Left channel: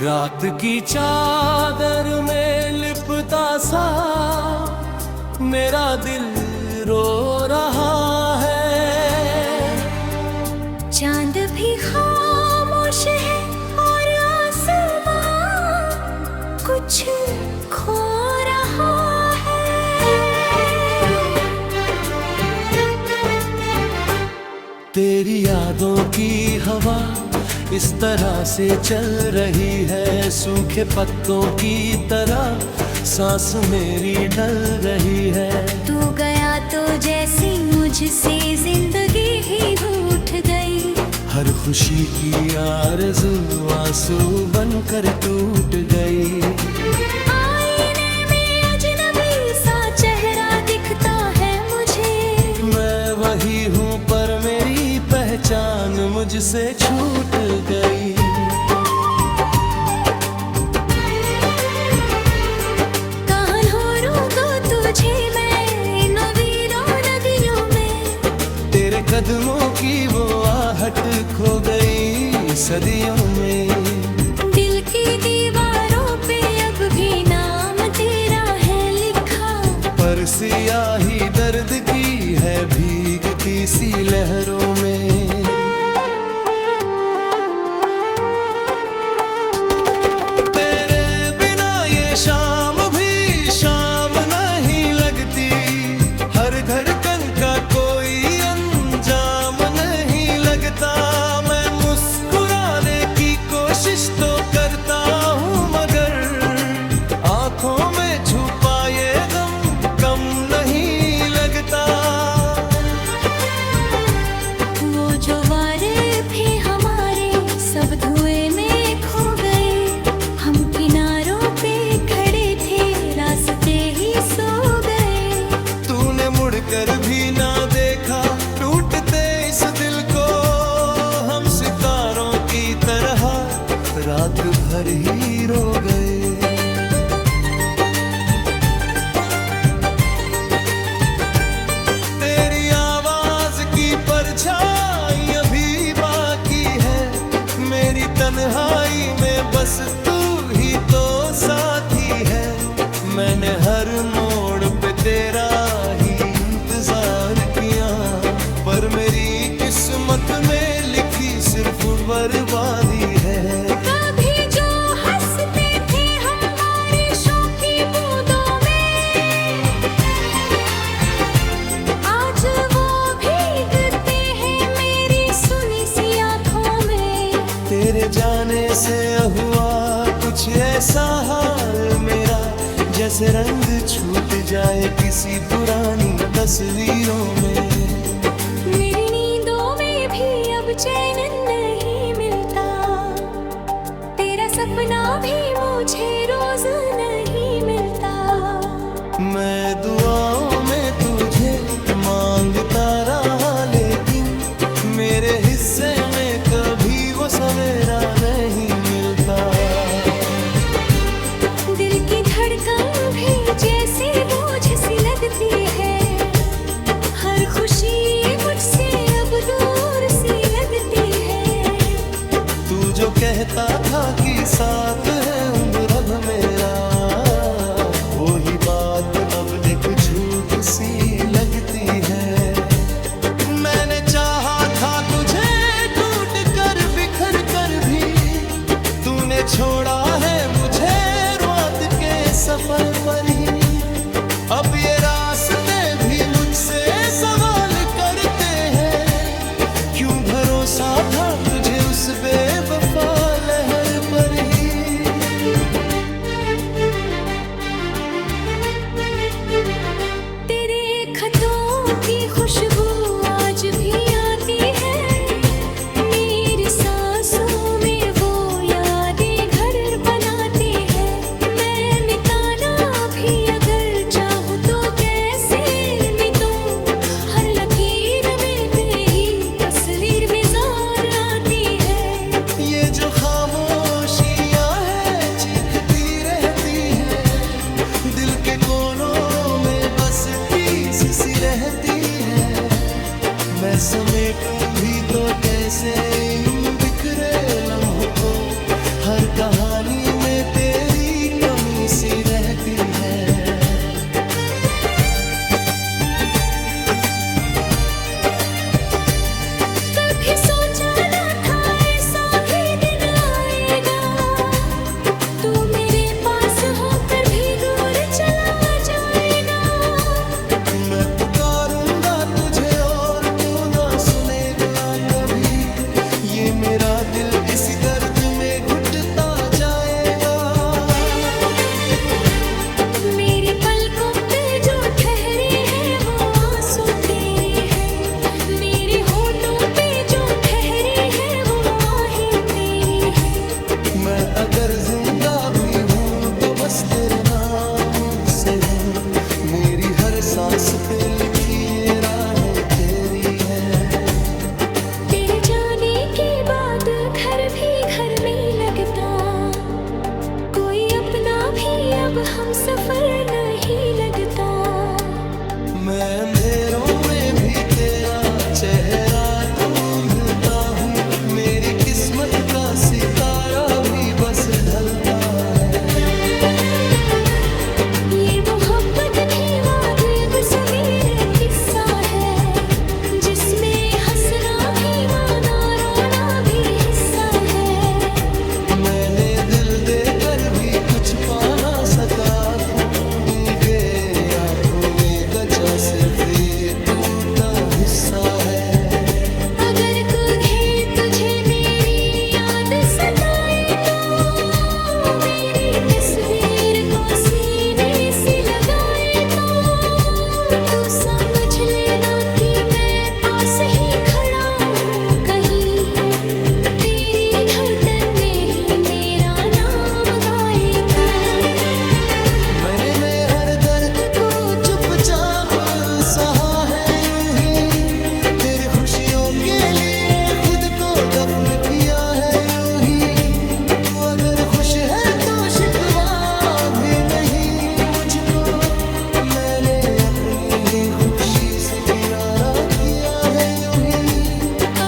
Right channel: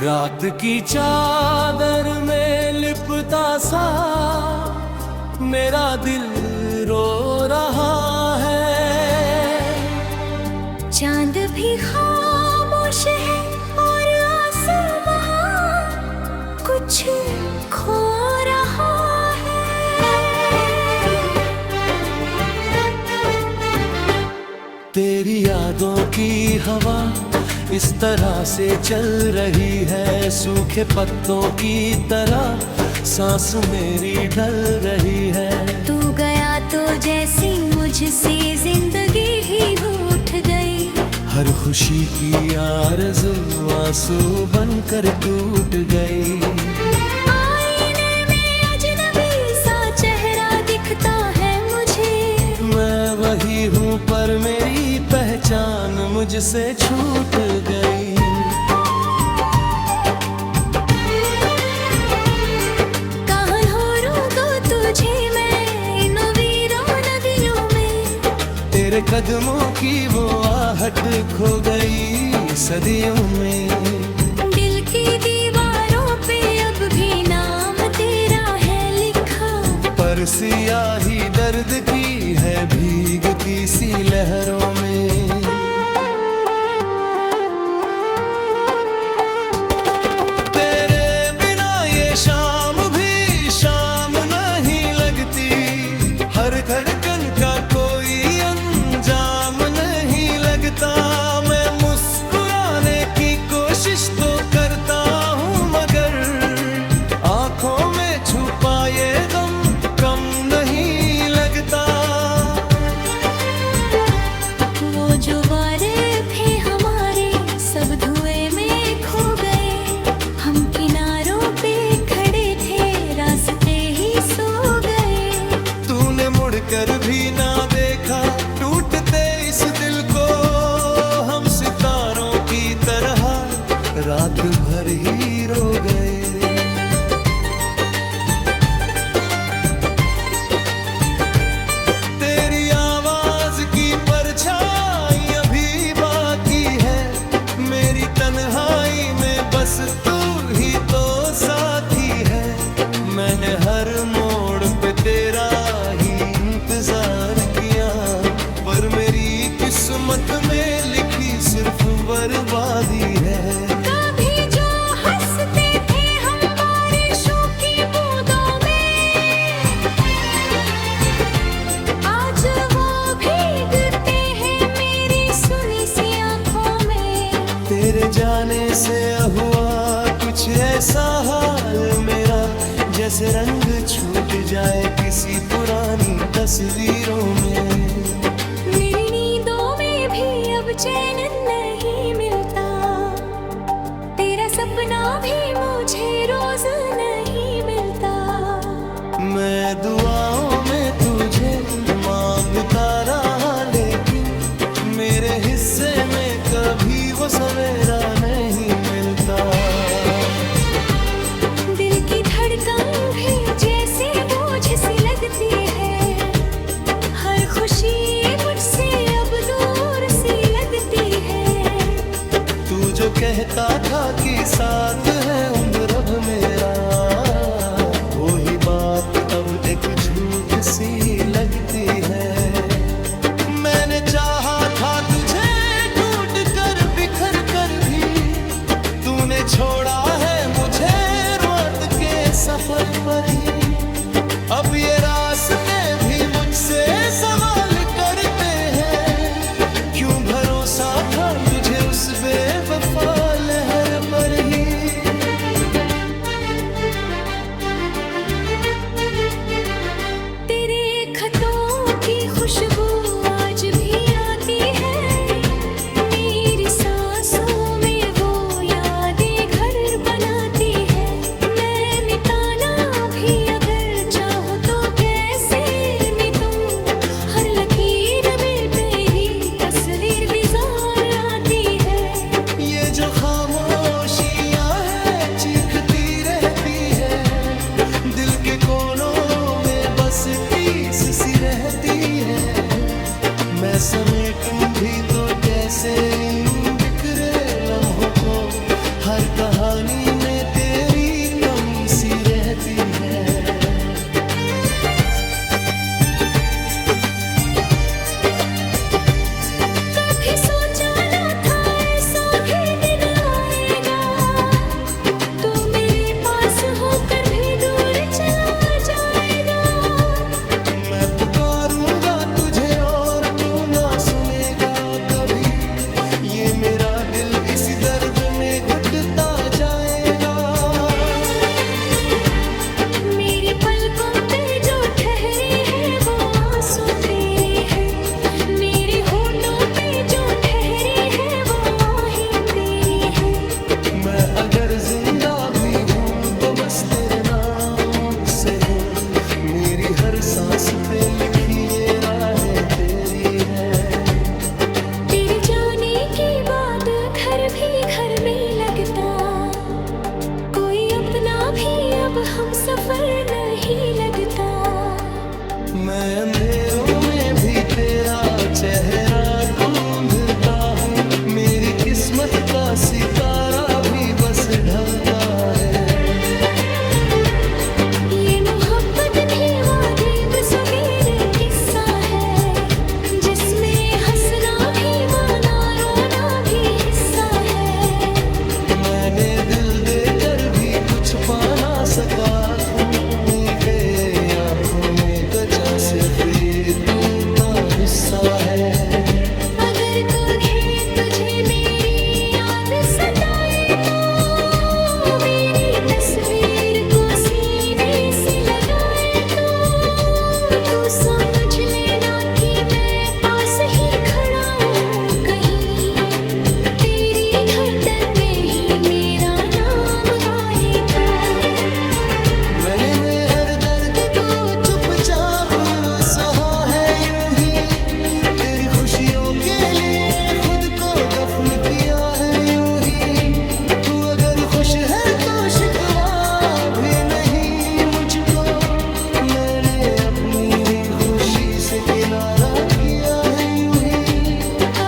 रात की चादर में लिपटा सा मेरा दिल रो रहा है। चांद भी खामोश है और आसमां कुछ खो रहा है। तेरी यादों की हवा इस तरह से चल रही है, सूखे पत्तों की तरह सांस मेरी ढल रही है। तू गया तो जैसी मुझसे जिंदगी ही रूठ गई। हर खुशी की आरज़ू आंसू बनकर टूट गई। आईने में अजनबी सा चेहरा दिखता है मुझे। मैं वही हूँ पर मेरी पहचान मुझसे छूट गई। कहाँ ढूंढूं तुझे मैं इन वीरों नदियों में। तेरे कदमों की वो आहट खो गई सदियों में। दिल की दीवारों पे अब भी नाम तेरा है लिखा। पर सियाही दर्द की है भीगती सी लहरों में। तेरे बिना ये शाम भी शाम नहीं लगती। हर धड़कन का कोई अंजाम नहीं लगता। मैं मुस्कुराने की कोशिश तो करता हूँ मगर आंखों में छुपा ये गम कम नहीं लगता। वो जो वारे थे हमारे सब धुएं में खो गए। हम किनारों पे खड़े थे रास्ते ही सो गए। तूने मुड़कर भी ना देखा टूटते इस दिल को। हम सितारों की तरह रात भर ही रो गए। तेरी आवाज की परछाई अभी बाकी है। मेरी तन्हाई में बस तू ही तो साथी है। मैंने हर मोड़ पे तेरा ही इंतजार किया पर मेरी किस्मत में लिखी सिर्फ बर्बादी है। कभी जो हंसते थे हम बारिशों की बूंदों में, आज वो भीगते हैं मेरी सुनी सी आंखों में। तेरे जाने से हुआ कुछ ऐसा हाल मेरा जैसे रंग छूट जाए किसी पुरानी तस्वीरों में। मेरी नींदों में भी अब चैन नहीं मिलता। तेरा सपना भी मुझे रोज नहीं मिलता। मैं दुआओं में तुझे मांगता रहा लेकिन मेरे हिस्से में कभी वो सवेरा नहीं मिलता। दिल की धड़कन भी जैसे बोझ सी लगती है। हर खुशी मुझसे अब दूर सी लगती है। तू जो कहता था कि साथ है उम्र अब मेरा, वो ही बात अब एक झूठ सी लगती है। मैंने चाहा था तुझे टूट कर बिखर कर भी, तूने छोड़ा है मुझे रात के सफर पर ही। अब ये रास्ते भी मुझसे सवाल करते हैं, क्यों भरोसा था तुझे उस बेवफा लहर पर ही। तेरे खतों की खुशबू आज भी आती है। मेरी सांसों में वो यादें घर बनाती है। मैं मिटाना भी अगर चाहूँ तो कैसे मिटूं। हर लकीर में तेरी तस्वीर विजार आती है। ये जो खामोशियाँ है चीखती रहती है, दिल के कोनों में बस टीस सी रहती है। मैं समेटूं भी तो कैसे इन बिखरे लम्हों को, हर कहानी में तेरी कमी सी रहती है। कभी सोचा न था ऐसा भी दिन आएगा, तू मेरे पास होकर भी दूर चला जाएगा। मैं पुकारूंगा तुझे और तू ना सुनेगा कभी, ये मेरा दिल इसी दर्द में घुटता जाएगा। मेरी पलकों पे जो ठहरे हैं वो आंसू तेरे हैं, मेरे होठों पे जो ठहरे हैं वो आहें तेरी हैं। मैं अगर जिंदा भी हूँ तो बस तेरे नाम से हूँ, मेरी हर सांस पे लिखी ये राहें तेरी है। तेरे जाने के बाद घर भी घर नहीं लगता, कोई अपना भी अब हम सफर नहीं लगता। मैं अंधेरों में भी तेरा चेहरा ढूंढता हूँ, मेरी किस्मत का सितारा भी बस ढलता है। ये मोहब्बत भी वादे तस्वीर किस्सा है, जिसमें हंसना भी माना रोना भी हिस्सा है। मैंने दिल देकर भी कुछ पा ना सका, तुमने आंखों में बचा सिर्फ ये टूटा हिस्सा है। अगर कभी तुझे मेरी याद सताए तो मेरी तस्वीर को सीने से लगाए तो तू समझ लेना कि मैं पास ही खड़ा हूँ कहीं, तेरी धड़कन में ही मेरा नाम गाए तो। मैं हर दर्द को चुपचाप सहा है यूं ही, तेरी खुशियों के लिए खुद को दफन किया है यूं ही। तू अगर खुश है तो शिकवा भी नहीं मुझको, मैंने अपनी ही खुशी से किनारा किया है यूं ही।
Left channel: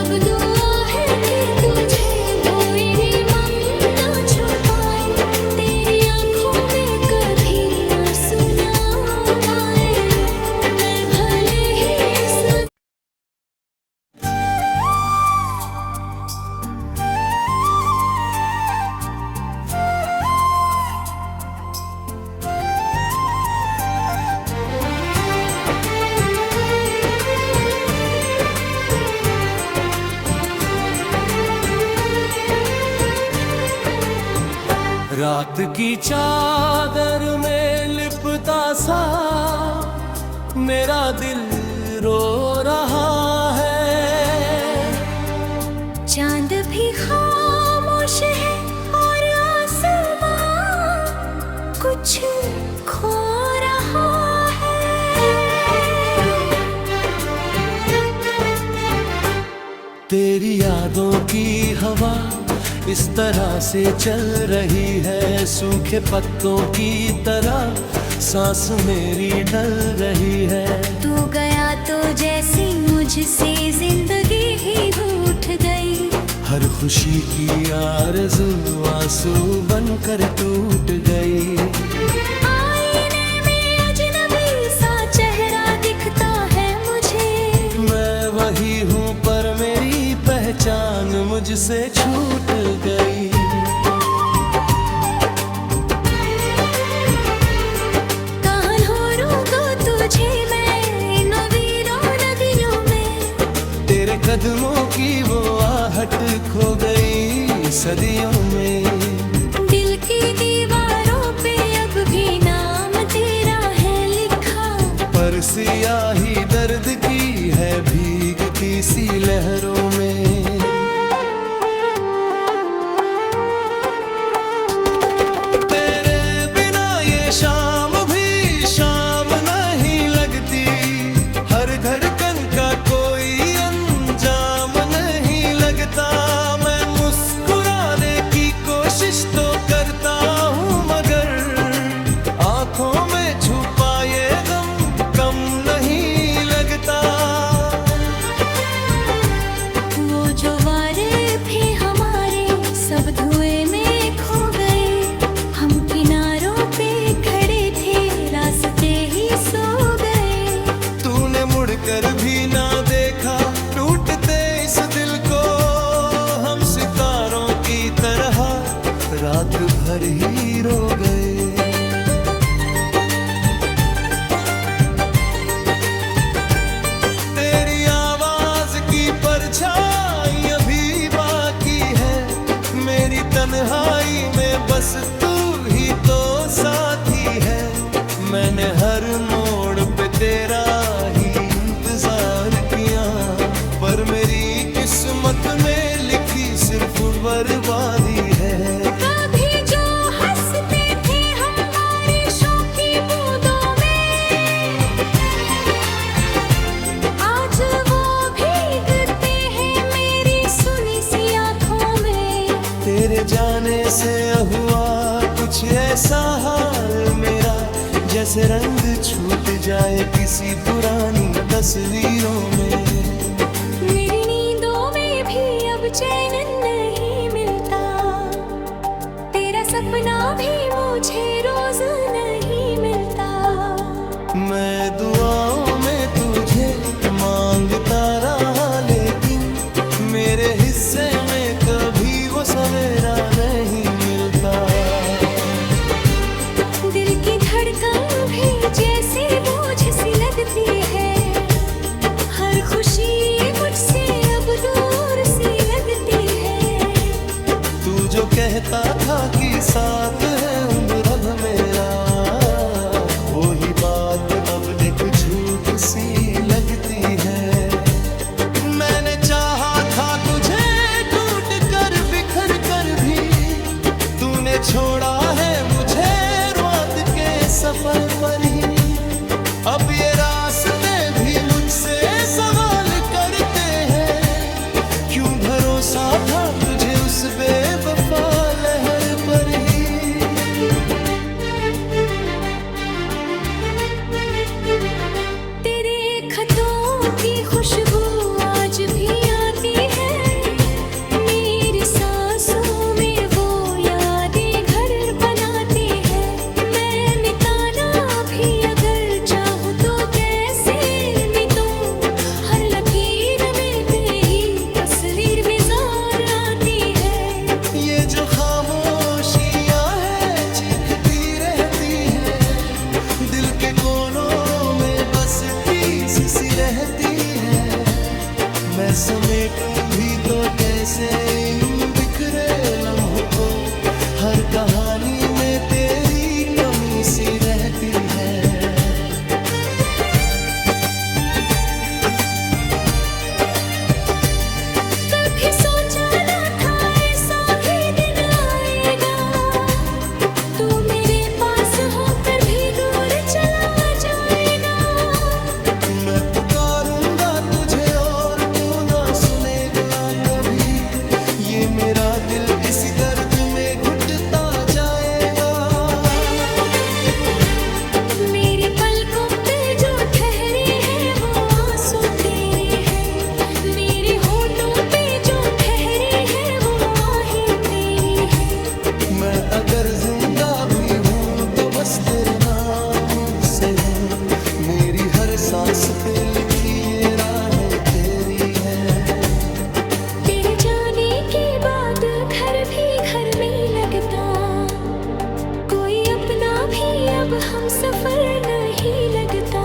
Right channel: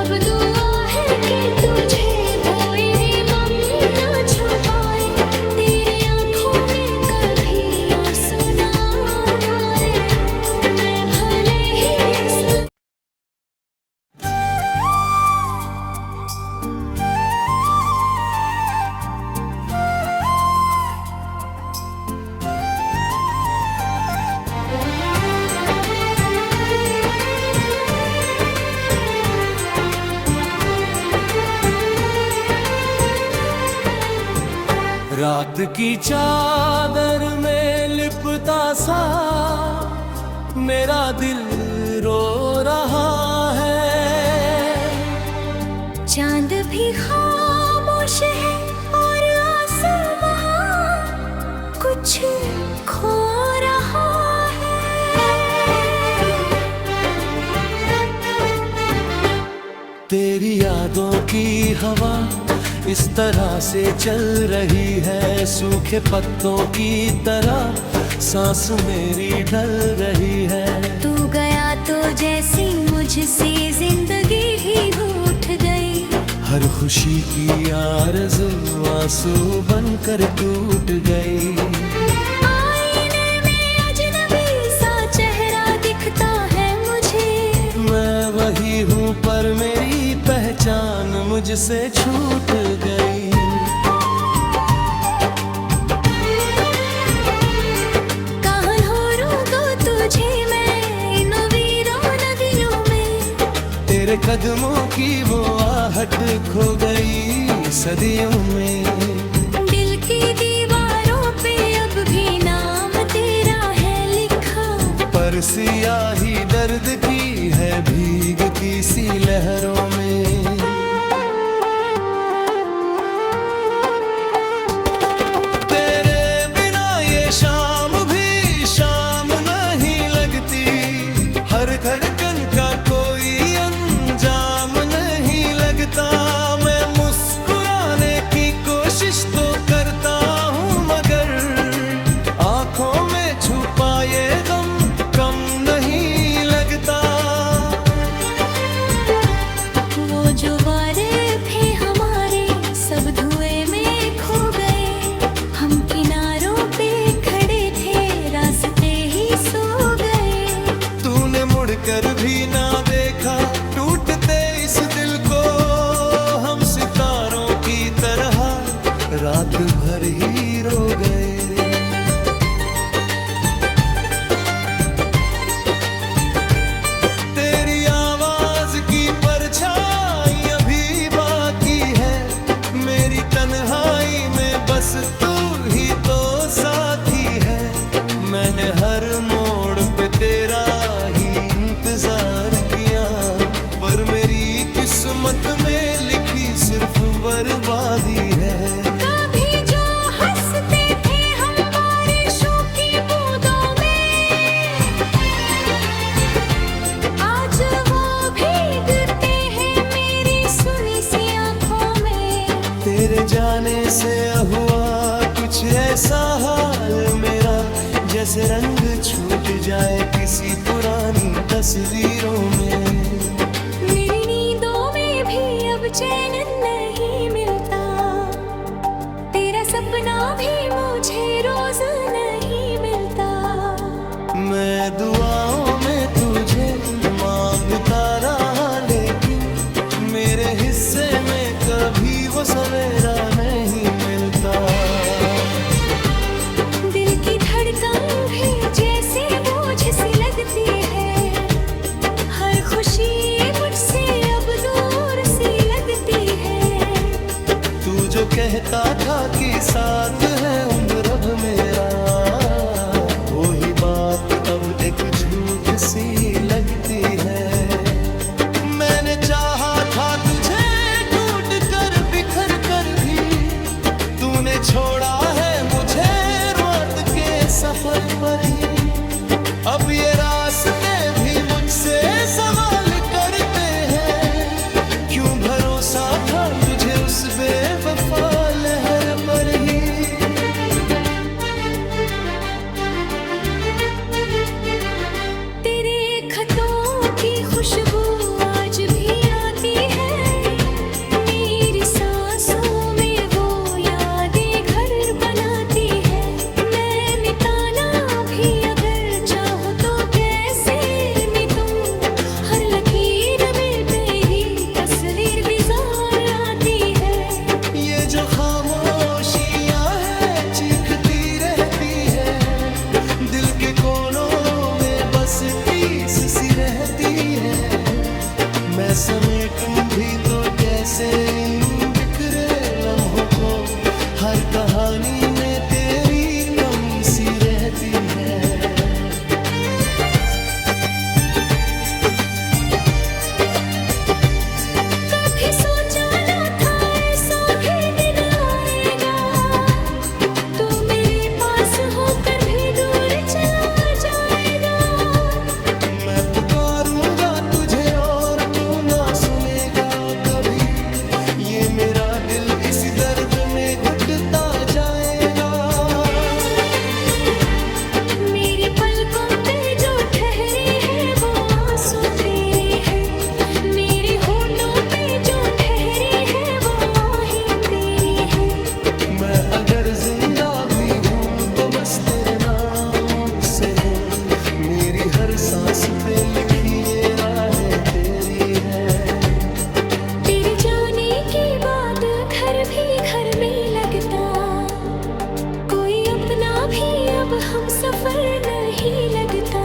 अब दुआ है कि तुझे मेरे मन ना छुपाए, तेरी आंखों में कभी आंसू ना आए। मैं भले ही इस रात की चादर में लिपटा सा मेरा दिल रो रहा है। चांद भी खामोश है और आसमां कुछ खो रहा है। तेरी यादों की हवा इस तरह से चल रही है, सूखे पत्तों की तरह सांस मेरी ढल रही है। तू गया तो जैसी मुझसे जिंदगी ही रूठ गई, हर खुशी की आरज़ू आंसू बनकर टूट गई। आईने में अजनबी सा चेहरा दिखता है मुझे, मैं वही हूँ पर मेरी पहचान मुझसे छूट गई। कहाँ ढूंढूं तुझे मैं इन वीरों नदियों में, तेरे कदमों की वो आहट खो गई सदियों में। दिल की दीवारों पे अब भी नाम तेरा है लिखा, पर सियाही दर्द की है भीगती सी लहरों में। तेरे बिना ये शाम भी शाम नहीं लगती, हर धड़कन का कोई अंजाम नहीं लगता। मैं मुस्कुराने की कोशिश तो करता हूँ मगर आंखों में छुपा ये गम कम नहीं लगता। वो जो वारे थे हमारे सब धुएं में कर भी ना देखा टूटते इस दिल को हम सितारों की तरह रात भर ही रो गए। तेरी आवाज की परछाई अभी बाकी है, मेरी तन्हाई में बस तू ही तो साथी है। मैंने हर मोड़ पे तेरा ही इंतजार किया, पर मेरी किस्मत में लिखी सिर्फ बर्बादी है। कभी जो हंसते थे हम बारिशों की बूंदों में, आज वो भीगते हैं मेरी सुनी सी आंखों में। तेरे जाने से हुआ कुछ ऐसा हाल मेरा, जैसे रंग छूट जाए किसी पुरानी तस्वीरों में। मेरी नींदों में भी अब चैन नहीं मिलता, तेरा सपना भी मुझे रोज नहीं मिलता। मैं दुआओं में तुझे मांगता रहा, लेकिन मेरे हिस्से में कभी वो सवेरा नहीं मिलता। दिल की धड़कन भी जैसे बोझ सी लगती है, हर खुशी मुझसे अब दूर सी लगती है। तू जो कहता था कि साथ है उम्र अब मेरा, वो ही बात अब एक झूठ सी लगती है। मैंने चाहा था तुझे टूट कर बिखर कर भी, तूने छोड़ा है मुझे रात के सफर पर ही। अब ये रास्ते भी मुझसे सवाल करते हैं, क्यों भरोसा था तुझे उस बेवफा लहर पर ही। तेरे खतों की खुशबू आज भी आती है, मेरी सांसों में वो यादें घर बनाती है। मैं मिटाना भी अगर चाहूँ तो कैसे मिटूं, हर लकीर में तेरी तस्वीर विजार आती है। ये जो खामोशियाँ है चीखती रहती है, दिल के कोनों में बस टीस सी रहती है। मैं समेटूं भी तो कैसे इन बिखरे लम्हों को, हर कहानी में तेरी कमी सी रहती है। कभी सोचा न था ऐसा भी दिन आएगा, तू मेरे पास होकर भी दूर चला जाएगा। मैं पुकारूंगा तुझे और तू ना सुनेगा कभी, ये मेरा दिल इसी दर्द में घुटता जाएगा। मेरी पलकों पे जो ठहरे हैं वो आंसू तेरे हैं, मेरे होठों पे जो ठहरे हैं वो आहें तेरी हैं। मैं अगर जिंदा भी हूँ तो बस तेरे नाम से हूँ, मेरी हर सांस पे लिखी ये राहें तेरी हैं। तेरे जाने के बाद घर भी घर में लगता, कोई अपना भी अब हम सफर नहीं लगता।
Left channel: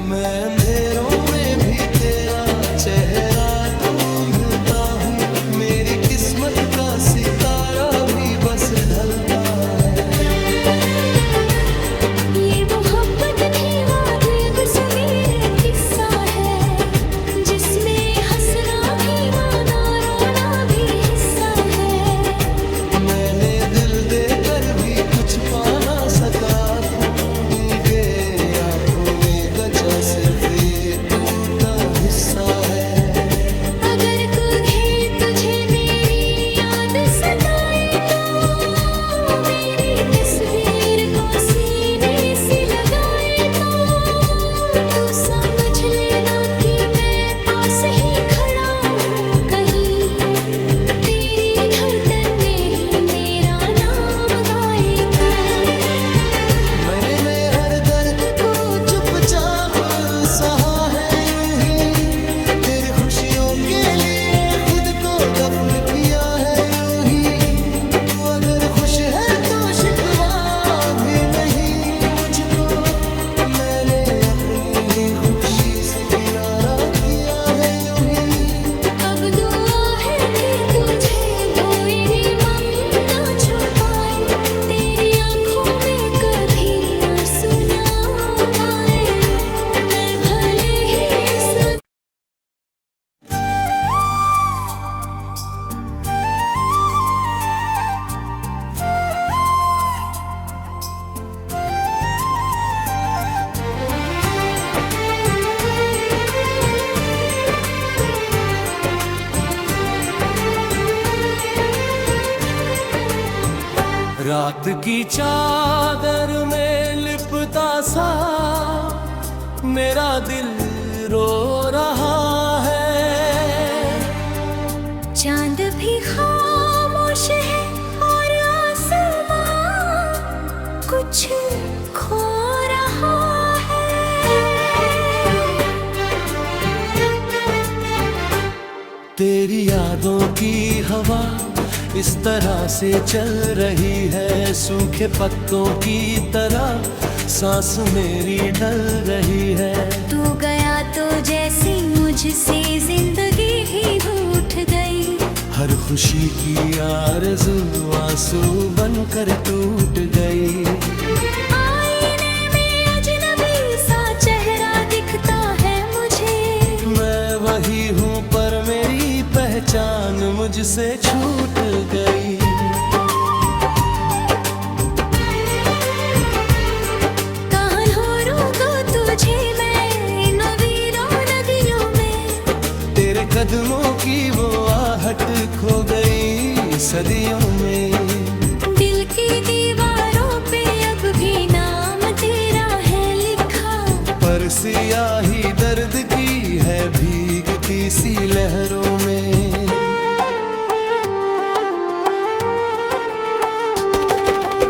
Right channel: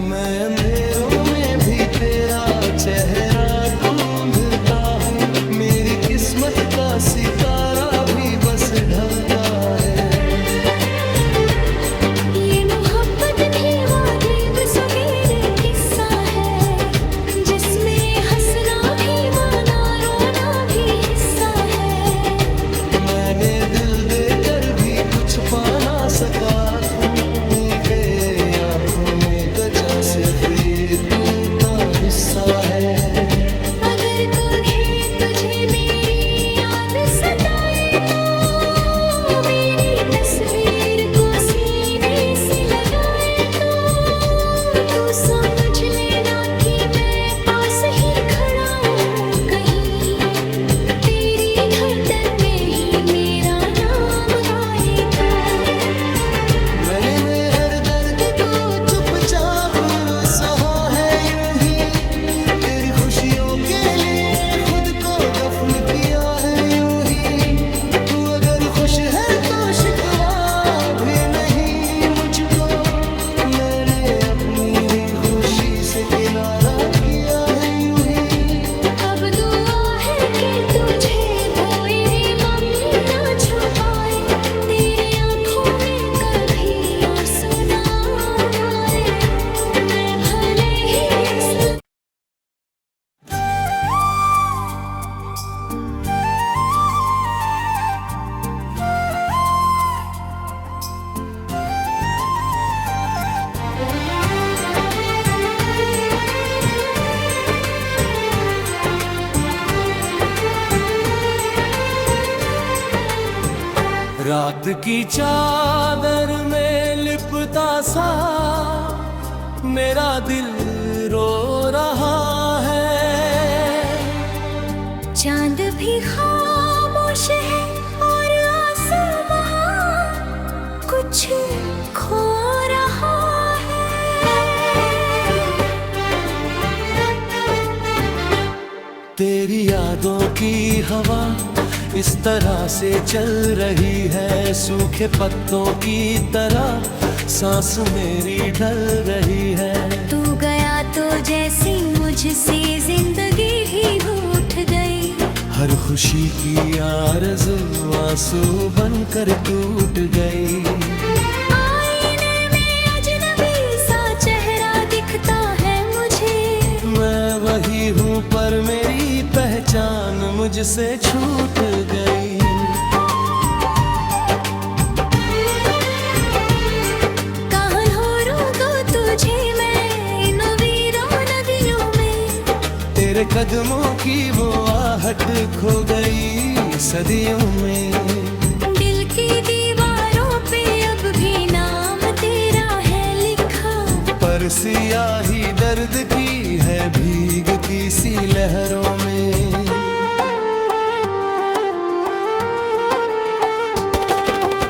मैं अंधेरों में भी तेरा चेहरा ढूंढता हूँ, मेरी किस्मत का सितारा भी बस ढलता है। ये मोहब्बत भी वाजिब सवेर किस्सा है, जिसमें हंसना भी माना रोना भी हिस्सा है। मैंने दिल देकर भी कुछ पा ना सका, के आँखों में बचा सिर्फ ये टूटा हिस्सा है। अगर कभी तुझे मेरी याद सताए तो मेरी तस्वीर को सीने से लगाए तो तू समझ लेना कि मैं पास ही खड़ा हूँ कहीं, तेरी धड़कन में ही मेरा नाम गाए तो। मैंने हर दर्द को चुपचाप सहा खुशियों के लिए खुद को दफन किया है यूं ही। तू अगर खुश है तो शिकवा भी नहीं मुझको, मैंने अपनी ही खुशी से किनारा किया है यूं ही। अब दुआ है कि तुझे भोरी मम ना छुपाए, तेरी आंखों में कभी आंसू ना आए। मैं भले ही सब रात की चादर में लिपटा सा मेरा दिल रो रहा है। चांद भी खामोश है और आसमां कुछ खो रहा है। तेरी यादों की हवा इस तरह से चल रही है, सूखे पत्तों की तरह सांस मेरी ढल रही है। तू गया तो जैसी मुझसे जिंदगी ही रूठ गई, हर खुशी की आरज़ू आंसू बनकर टूट गई। आईने में अजनबी सा चेहरा दिखता है मुझे, मैं वही हूँ पर मेरी पहचान मुझसे छूट गई। कहाँ ढूंढूं तुझे मैं इन वीरों नदियों में, तेरे कदमों की वो आहट खो गई सदियों में। दिल की दीवारों पे अब भी नाम तेरा है लिखा, पर सियाही दर्द की है भीगती सी लहरों में।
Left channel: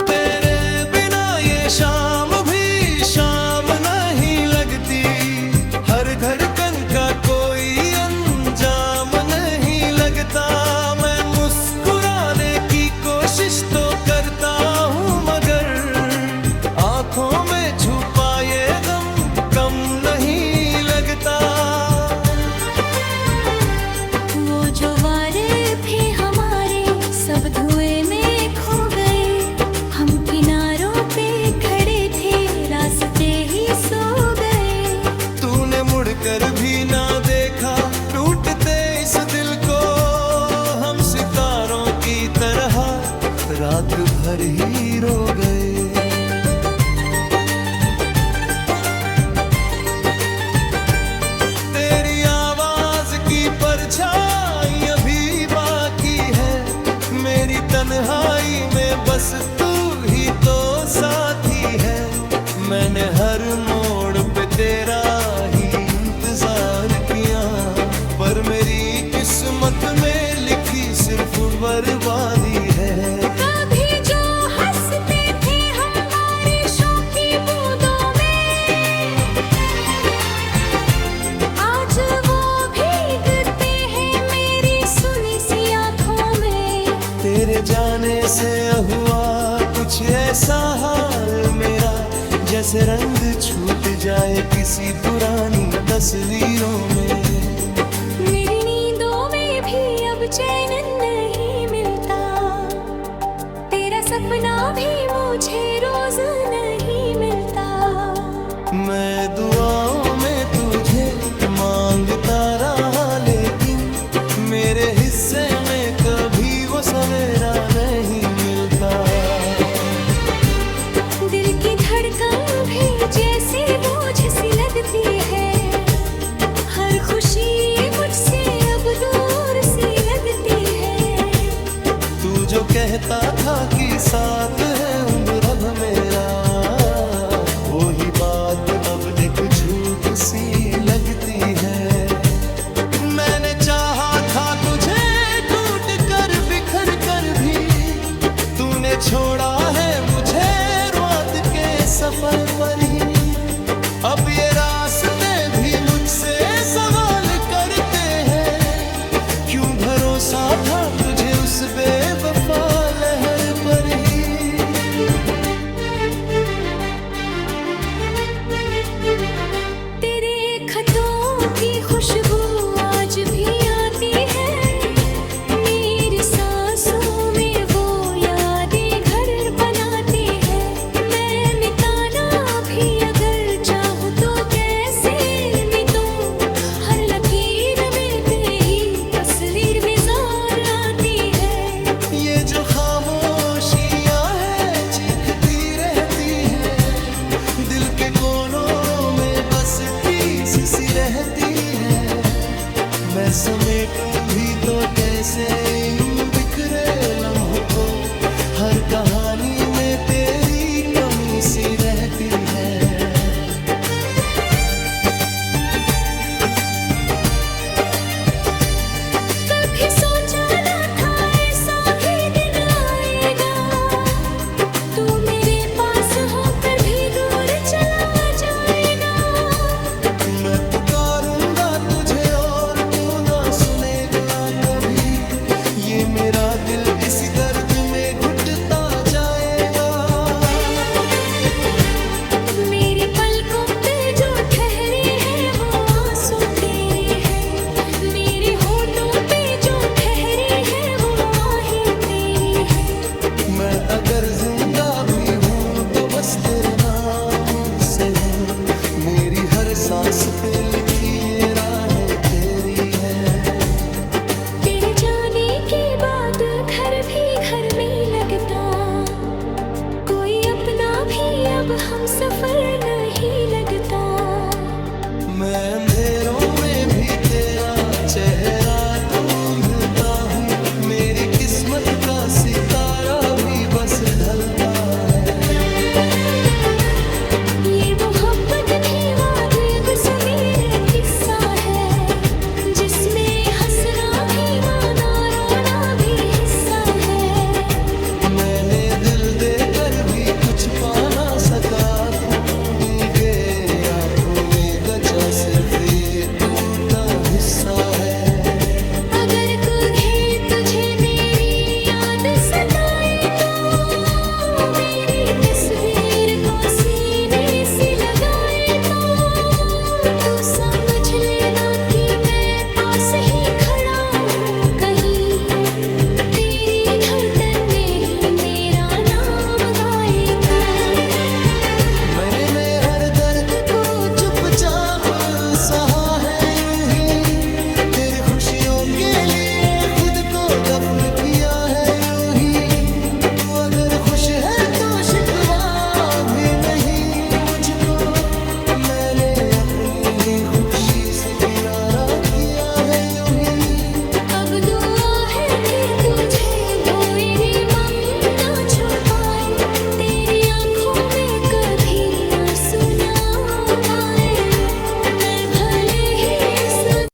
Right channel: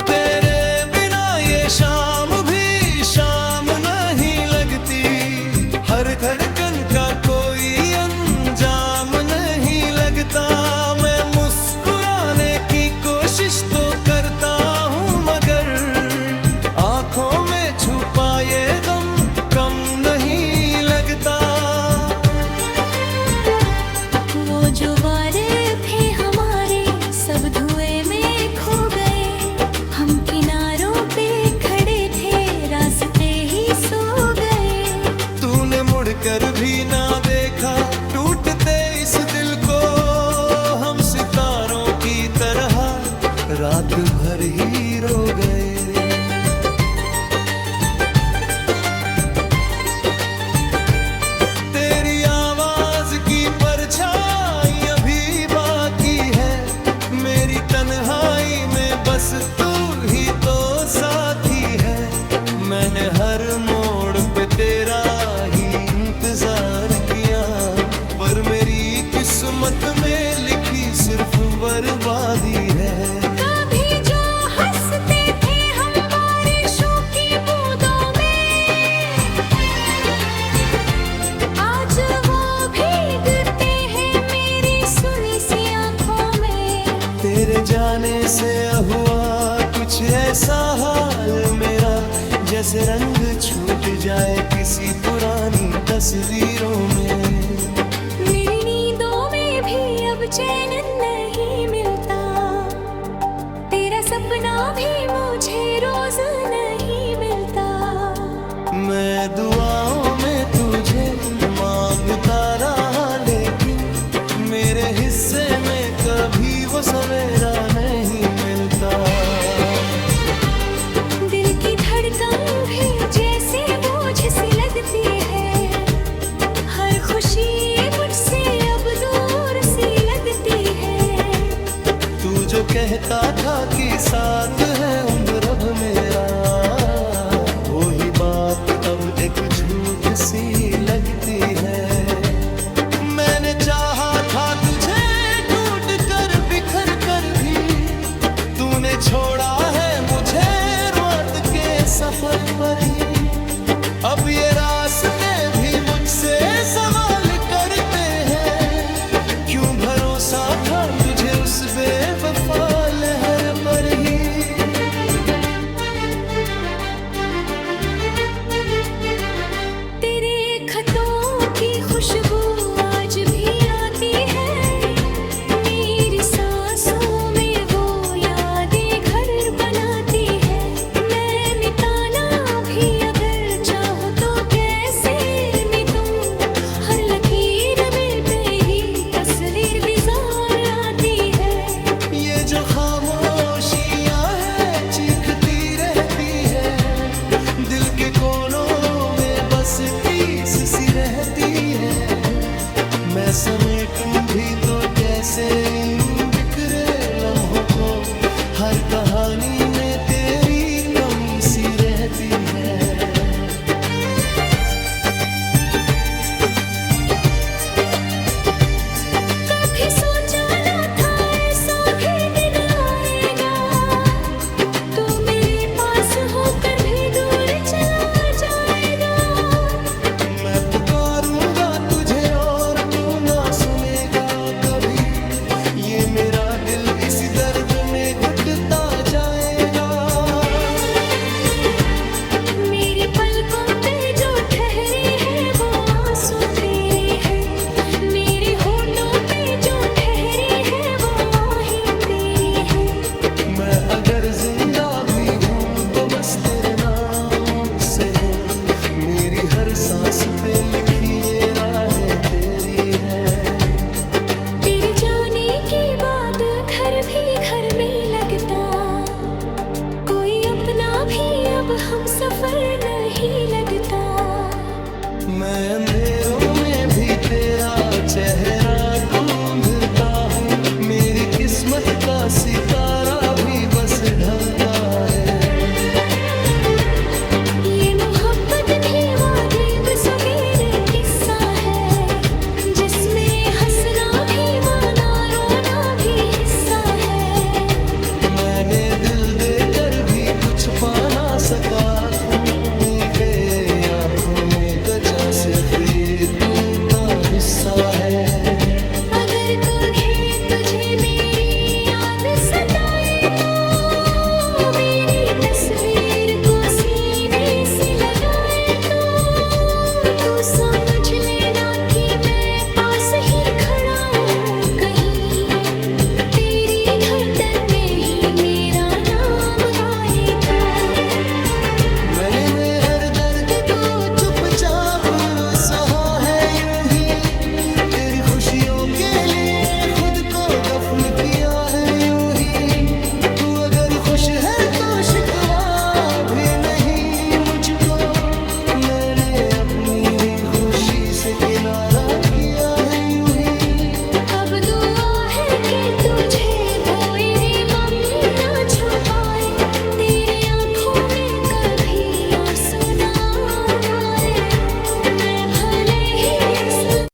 तेरे बिना ये शाम भी शाम नहीं लगती, हर धड़कन का कोई अंजाम नहीं लगता। मैं मुस्कुराने की कोशिश तो करता हूँ मगर आंखों में छुपा ये गम कम नहीं लगता। वो जो वारे थे हमारे सब धुएं में खो गए, हम किनारों पे खड़े थे रास्ते ही सो गए। तूने मुड़कर भी ना देखा टूटते इस दिल को, हम सितारों की तरह रात भर ही रो गए। तेरी आवाज की परछाई अभी बाकी है, मेरी तन्हाई में बस तू ही तो साथी है। मैंने हर मोड़ पे तेरा ही इंतजार किया, पर मेरी किस्मत में लिखी सिर्फ बर्बादी है। कभी जो हंसते थे हम बारिशों की बूंदों में, आज वो भीगते हैं मेरी सुनी सी आंखों में। तेरे जाने से हुआ कुछ ऐसा हाल मेरा, जैसे रंग छूट जाए किसी पुरानी तस्वीरों में। मेरी नींदों में भी अब चैन नहीं मिलता, तेरा सपना भी मुझे रोज नहीं मिलता। मैं दुआओं में तुझे मांगता रहा लेकिन मेरे हिस्से में कभी वो सवेरा नहीं मिलता। दिल की धड़कन भी जैसे बोझ सी लगती है, हर खुशी मुझसे अब दूर सी लगती है। तू जो कहता था कि साथ है उम्र अब मेरा, वो ही बात अब एक झूठ सी लगती है। मैंने चाहा था तुझे टूट कर बिखर कर भी, तूने छोड़ा है मुझे रात के सफर पर ही। अब ये रास्ते भी मुझसे सवाल करते हैं, इस बेवफा लहर पर ही। तेरे खतों की खुशबू आज भी आती है, मेरी सांसों में वो यादें घर बनाती है। मैं मिटाना भी अगर चाहूँ तो कैसे मिटूं, हर लकीर में तेरी तस्वीर विजार आती है। ये जो खामोशियाँ है चीखती रहती है, दिल के कोनों में बस टीस सी रहती है। मैं समेटूं भी तो कैसे इन बिखरे लम्हों को, हर कहानी में तेरी कमी सी रहती है। कभी सोचा न था ऐसा भी दिन आएगा, तू मेरे पास होकर भी दूर चला जाएगा। मैं पुकारूंगा तुझे और तू ना सुनेगा कभी, ये मेरा दिल इसी दर्द में घुटता जाएगा। मेरी पलकों पे जो ठहरे हैं वो आंसू तेरे हैं, मेरे होठों पे जो ठहरी है वो आहें तेरी है। मैं अगर जिंदा भी हूँ तो बस तेरे नाम से हूँ, मेरी हर सांस पे लिखी ये राहें तेरी है। तेरे जाने के बाद घर भी घर में लगता, कोई अपना भी अब हम सफर नहीं लगता। मैं अंधेरों में भी तेरा चेहरा ढूंढता हूँ, मेरी किस्मत का सितारा भी बस ढलता है। ये मोहब्बत भी वाजिब सगीर किस्सा है, जिसमें हंसना भी माना रोना भी हिस्सा है। मैंने दिल देकर भी कुछ पा ना सका, के आँखों में बचा सिर्फ ये टूटा हिस्सा है। अगर कभी तुझे मेरी याद सताए तो मेरी तस्वीर को सीने से लगाए तो तू समझ लेना कि मैं पास ही खड़ा हूँ कहीं, तेरी धड़कन में ही मेरा नाम गाए तो। मैंने हर दर्द को चुपचाप सहा है यूं ही, तेरी खुशियों के लिए खुद को दफन किया है यूं ही। तू अगर खुश है तो शिकवा भी नहीं मुझको, मैंने अपनी ही खुशी से किनारा किया है यूं ही। अब दुआ है कि तुझे वो रे मम ना छुपा